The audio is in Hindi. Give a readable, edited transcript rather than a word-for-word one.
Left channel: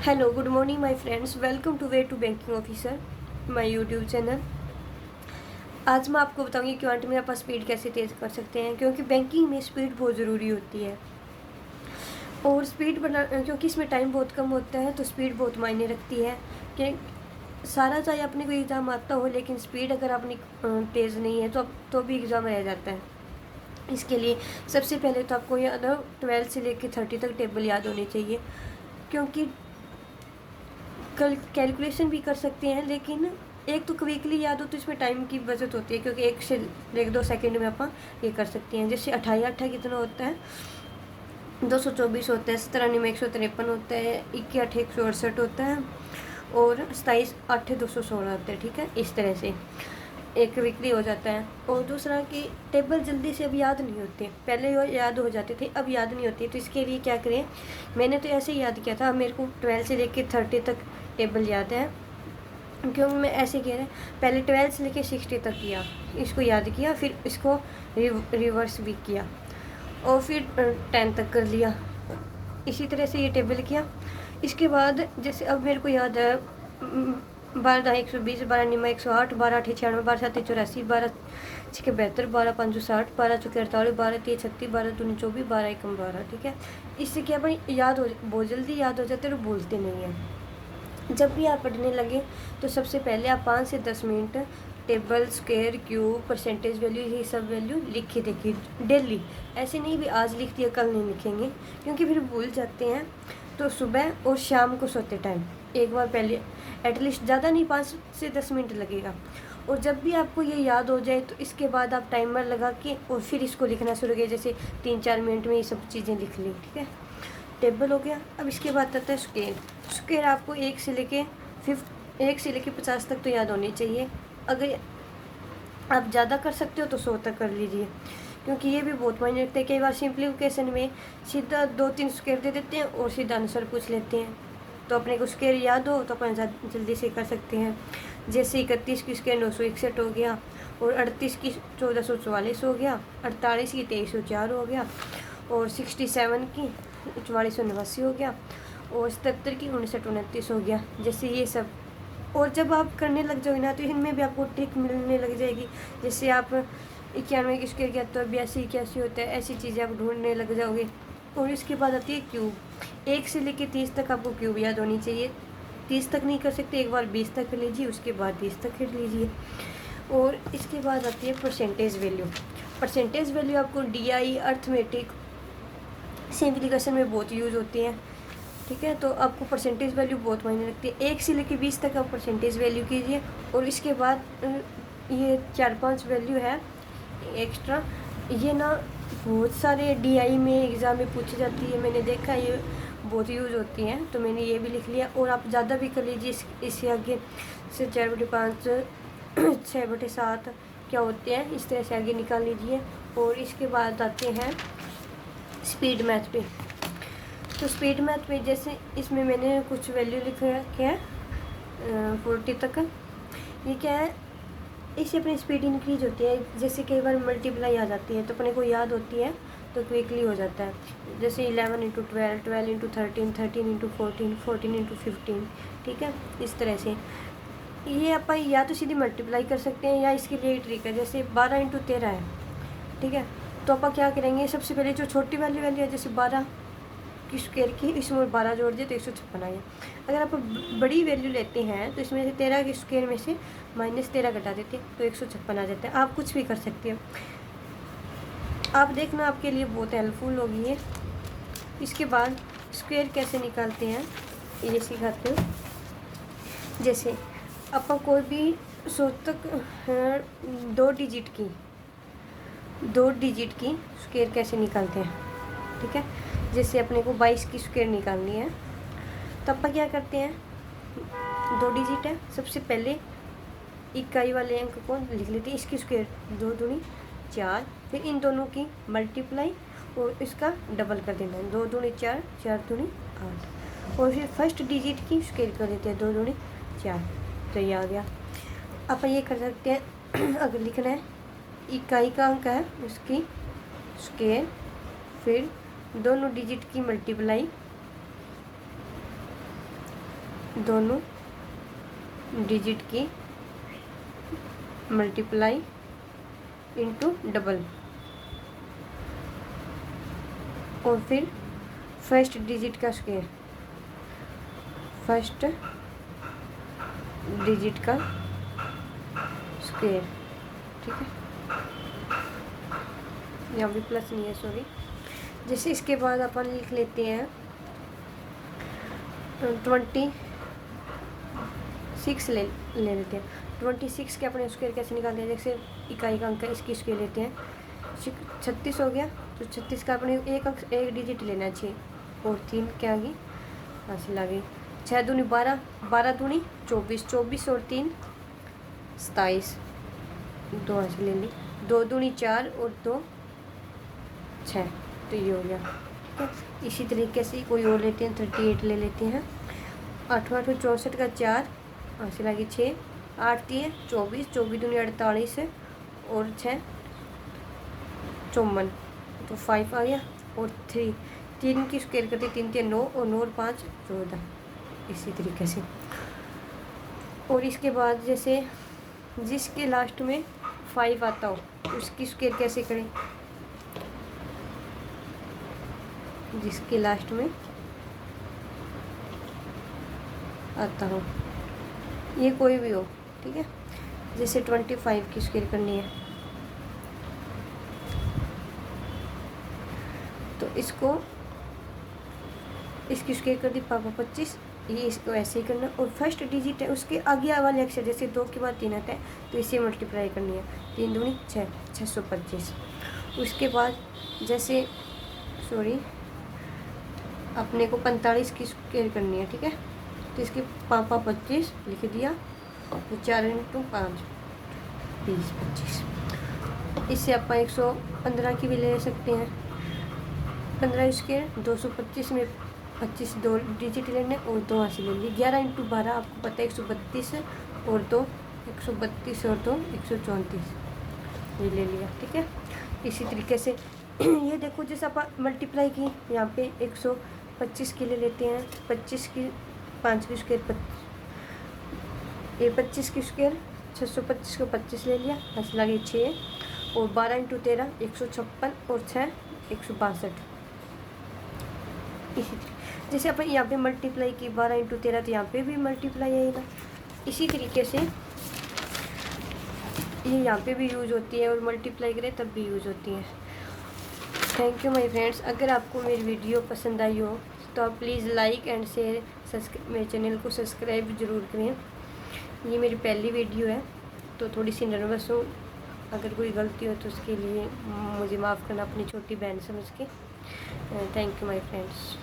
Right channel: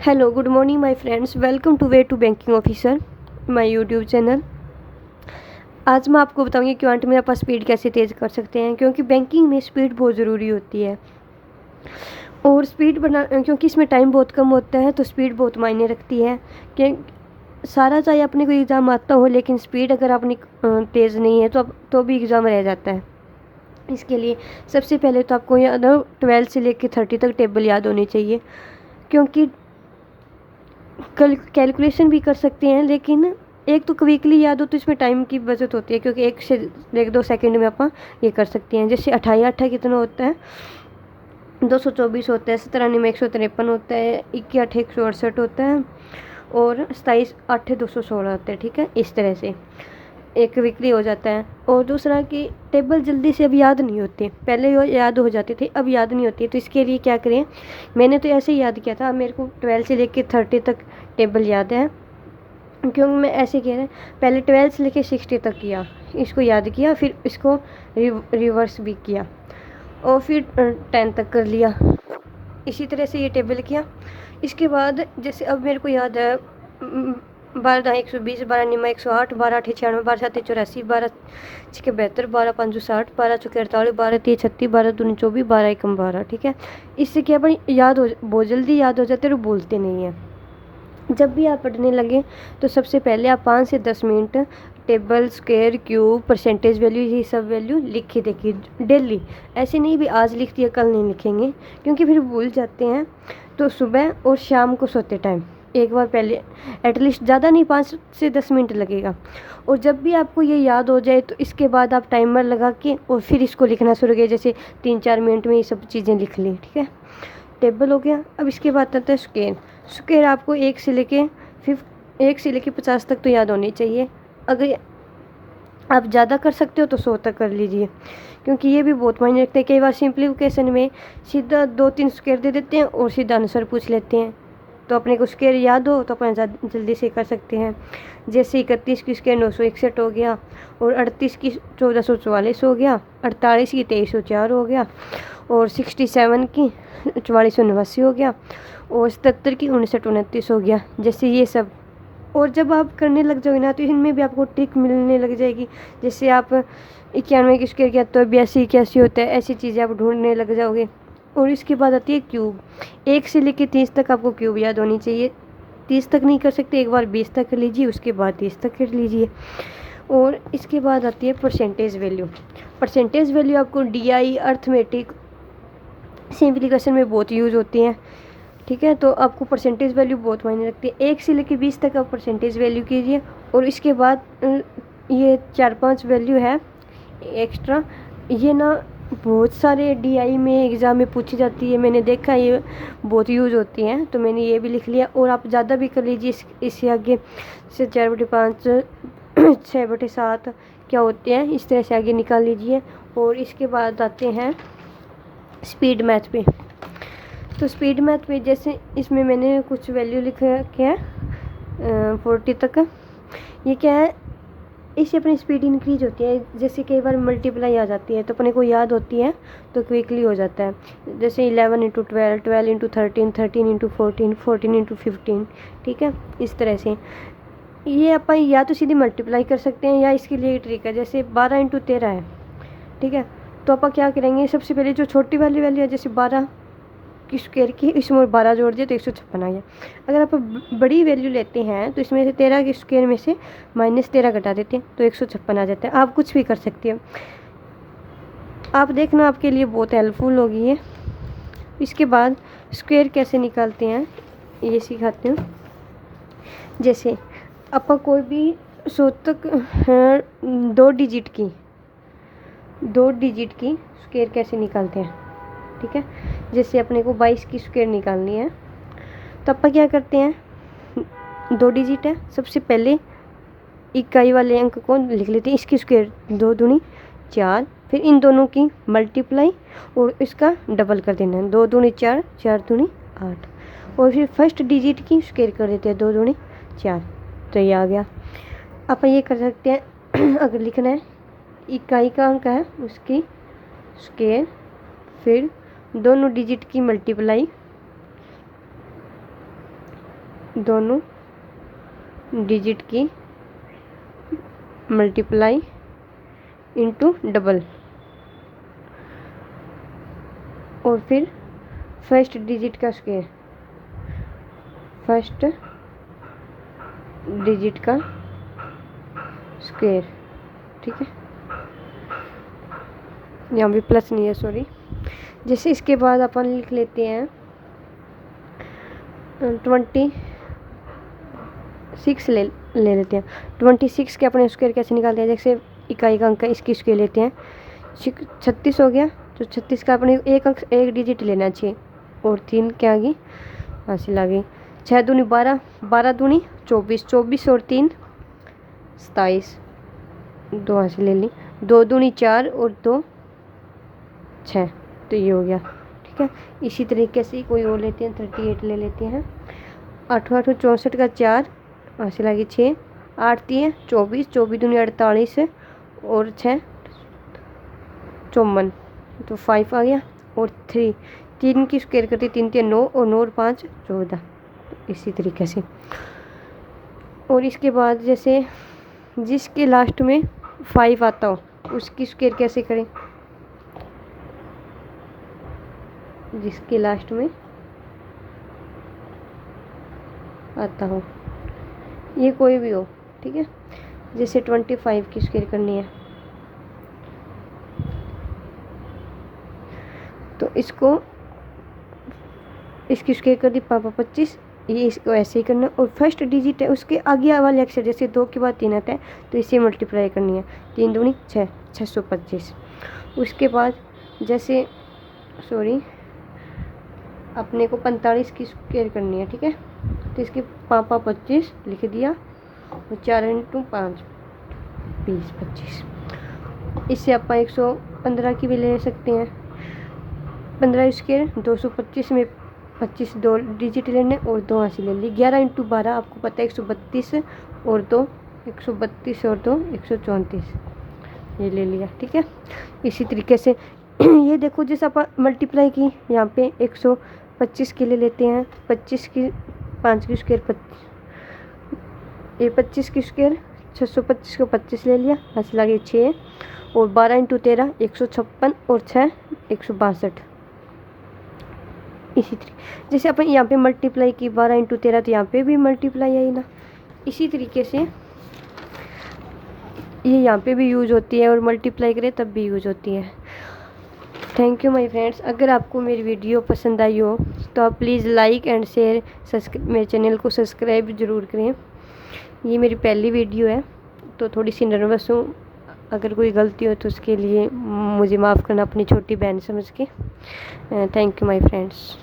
Hello good morning my friends, welcome to way to banking officer my YouTube channel. आज मैं आपको बताऊंगी क्वांट में आप स्पीड कैसे तेज़ कर सकते हैं, क्योंकि बैंकिंग में स्पीड बहुत ज़रूरी होती है। और स्पीड बना क्योंकि इसमें टाइम बहुत कम होता है, तो स्पीड बहुत मायने रखती है। कि सारा चाहे अपने को एग्ज़ाम आता हो, लेकिन स्पीड अगर अपनी तेज़ नहीं है तो भी एग्ज़ाम रह जाता है। इसके लिए सबसे पहले तो आपको याद हो 12 से लेकर 30 तक टेबल याद होनी चाहिए, क्योंकि कल कैलकुलेशन भी कर सकते हैं। लेकिन एक तो क्विकली याद हो तो इसमें टाइम की बचत होती है, क्योंकि 1 से 2 सेकंड में आप ये कर सकते हैं। जैसे 28 कितना होता है, 224 होता है, 97 में 153 होता है, 21 168 होता है, और 27 8 216 होता है। ठीक है, इस तरह से एक क्विकली हो जाता है। और दूसरा कि टेबल जल्दी से अब याद नहीं होते, पहले याद हो जाते थे, अब याद नहीं होती। तो इसके लिए क्या करें, मैंने तो ऐसे ही याद किया था। मेरे को 12 से लेकर 30 तक टेबल याद है, क्योंकि मैं ऐसे कह रहे हैं, पहले 12 से लेकर 60 तक किया, इसको याद किया, फिर इसको रिवर्स भी किया, और फिर 10 तक कर लिया। इसी तरह से ये टेबल किया। इसके बाद जैसे अब मेरे को याद है 12 120, 12 निमा 108, 12 8 96, 12 7 84, 12 6 72, 12 5 60, 12 4 48, 12 3 36, 12 2 24, 12 1 12। ठीक है, इससे क्या भाई याद हो, बहुत जल्दी याद हो जाते हैं और भूलते नहीं हैं। जब भी आप पढ़ने लगे तो सबसे पहले आप 5 से 10 minute table, square, cube, percentage value, ये सब वैल्यू लिख के देखिए डेली। ऐसे नहीं भी आज लिख दिया कल नहीं लिखेंगे, क्योंकि फिर भूल जाते हैं। तो सुबह और शाम को सोते टाइम एक बार पहले एटलीस्ट, ज़्यादा नहीं 5 से 10 मिनट लगेगा। और जब भी आपको ये याद हो जाए तो इसके बाद आप टाइमर लगा के और फिर इसको लिखना शुरू किया। जैसे 3-4 मिनट में ये सब चीज़ें लिख ली। ठीक है, टेबल हो गया। अब इसके बाद आता है स्केल। स्केल आपको 1 से लेके 50 तक तो याद होनी चाहिए। अगर आप ज़्यादा कर सकते हो तो 100 तक कर लीजिए, क्योंकि ये भी बहुत मायने रखते हैं। कई बार सिंप्लीफिकेशन में सीधा 2-3 स्क्वायर दे देते हैं और सीधा आंसर पूछ लेते हैं। तो अपने को स्क्वायर याद हो तो अपन जल्दी से कर सकते हैं। जैसे 31 की स्क्वायर 961 हो गया, और 38 की 1444 हो गया, 48 की 2304 हो गया, और 67 की 4489 हो गया, और 77 की 5929 हो गया। जैसे ये सब। और जब आप करने लग जाओगे ना, तो इनमें भी आपको ट्रिक मिलने लग जाएगी। जैसे आप 91 की स्क्वायर किया तो 82 कैसे होता है, ऐसी चीज़ें आप ढूंढने लग जाओगे। और इसके बाद आती है क्यूब। 1 से लेकर 30 तक आपको क्यूब याद होनी चाहिए। 30 तक नहीं कर सकते, एक बार 20 तक कर लीजिए, उसके बाद 30 तक कर लीजिए। और इसके बाद आती है परसेंटेज वैल्यू। परसेंटेज वैल्यू आपको DI, अर्थमेटिक, सिंप्लीफिकेशन में बहुत यूज़ होती हैं। ठीक है, तो आपको परसेंटेज वैल्यू बहुत मायने रखती है। 1 से लेकर 20 तक आप परसेंटेज वैल्यू कीजिए। और इसके बाद ये 4-5 वैल्यू है एक्स्ट्रा, ये ना बहुत सारे DI में एग्ज़ाम में पूछी जाती है। मैंने देखा ये बहुत यूज़ होती हैं, तो मैंने ये भी लिख लिया। और आप ज़्यादा भी कर लीजिए इससे आगे, से 4/5 6/7 क्या होते हैं, इस तरह से आगे निकाल लीजिए। और इसके बाद आते हैं स्पीड मैथ पे। तो स्पीड मैथ में जैसे इसमें मैंने कुछ वैल्यू लिखा क्या है 40 तक। ये क्या है, इससे अपनी स्पीड इंक्रीज होती है। जैसे कई बार मल्टीप्लाई आ जाती है तो अपने को याद होती है, तो क्विकली हो जाता है। जैसे 11 × 12, 12 × 13, 13 × 14, 14 × 15। ठीक है, इस तरह से ये अपन या तो सीधी मल्टीप्लाई कर सकते हैं, या इसके लिए ट्रिक है। जैसे 12 × 13 है। ठीक है, तो अपन क्या करेंगे, सबसे पहले जो छोटी वाली वैल्यू है, जैसे 12 की स्क्वायर की, इसमें 12 जोड़ दिए तो 156 आ गया। अगर आप बड़ी वैल्यू लेते हैं तो इसमें से 13 के स्क्वायर में से -13 घटा देते हैं तो 156 आ जाता है। आप कुछ भी कर सकते हो, आप देखना, आपके लिए बहुत हेल्पफुल होगी ये। इसके बाद स्क्वायर कैसे निकालते हैं ये सिखाते हूँ। जैसे अपन कोई भी 100 तक 2 डिजिट की स्क्वायर कैसे निकालते हैं। ठीक है, जैसे अपने को 22 की स्क्वायर निकालनी है, तो अपन क्या करते हैं, 2 डिजिट है, सबसे पहले इकाई वाले अंक को लिख लेते हैं। इसकी स्क्वायर 2 दूनी 4, फिर इन दोनों की मल्टीप्लाई और इसका डबल कर देना है। 2 दूनी 4, 4 दूनी 8, और फिर फर्स्ट डिजिट की स्क्वायर कर देते हैं, 2 दूनी 4, तो ये आ गया। अपन ये कर सकते हैं अगर लिखना है इकाई का अंक है उसकी स्क्वायर, फिर दोनों डिजिट की मल्टीप्लाई, दोनों डिजिट की मल्टीप्लाई इनटू डबल, और फिर फर्स्ट डिजिट का स्क्वायर, फर्स्ट डिजिट का स्क्वायर। ठीक है, यहाँ भी प्लस नहीं है, सॉरी। जैसे इसके बाद अपन लिख लेते हैं 26 ले लेते हैं। 26 के अपने स्क्वायर कैसे निकालते हैं? जैसे इकाई का अंक है, इसकी स्क्वायर लेते हैं। 36 हो गया, तो 36 का अपने एक अंक, एक डिजिट लेना चाहिए, और 3 क्या आ गई? हासिल आ गई। 6 दूनी 12, 12 दूनी 24, 24 और 3 27, 2 हासिल ले ली। 2 दूनी 4 और 2 6, तो ये हो गया। ठीक है, इसी तरीके से कोई और लेते हैं, 38 ले लेते हैं। 8 8 64 का 4 हासिल आ गई 6, 8 3 24, 24 दूनी 48 और 6 54, तो 5 आ गया। और 3 की स्क्वायर करती 3 3 9, और 9 और 5 14, इसी तरीके से। और इसके बाद जैसे जिसके लास्ट में 5 आता हो उसकी स्क्वायर कैसे करें? जिसके लास्ट में आता हो, ये कोई भी हो, ठीक है। जैसे 25 की स्क्वायर करनी है, तो इसको इसकी स्क्वायर कर दी पापा 25, ये इसको ऐसे ही करना। और फर्स्ट डिजिट है उसके आगे वाले अक्षर, जैसे 2 के बाद 3 आता है तो इसे मल्टीप्लाई करनी है। 3 दूनी 6, 625। उसके बाद जैसे अपने को 45 की स्क्वायर करनी है, ठीक है। तो इसके पापा 25 लिख दिया, तो 4 × 5 20 25। इससे आप 115 की भी ले सकते हैं। 15 स्क्वायर 225 में 25 2 डिजिट लेने और 2 हासिल ले ली। 11 × 12 आपको पता है 132 और 2 132 और 2 134, ये ले लिया। ठीक है, इसी तरीके से ये देखो जैसे आप मल्टीप्लाई की, यहाँ पे 125 के ले लेते हैं। 25 की 5 की स्क्वायर, ये 25 की स्क्वायर 625 को 25 ले लिया, हासिल आ गई 6। और 12 × 13 156 और 6 162, इसी तरीके जैसे अपन यहाँ पे मल्टीप्लाई की 12 × 13, तो यहाँ पे भी मल्टीप्लाई आई ना। इसी तरीके से ये यहाँ पे भी यूज़ होती है, और मल्टीप्लाई करें तब भी यूज़ होती है। Thank you my friends. अगर आपको मेरी वीडियो पसंद आई हो तो आप प्लीज़ लाइक एंड शेयर, मेरे चैनल को सब्सक्राइब ज़रूर करें। ये मेरी पहली वीडियो है तो थोड़ी सी नर्वस हूँ, अगर कोई गलती हो तो उसके लिए मुझे माफ़ करना, अपनी छोटी बहन समझ के। Thank you my friends.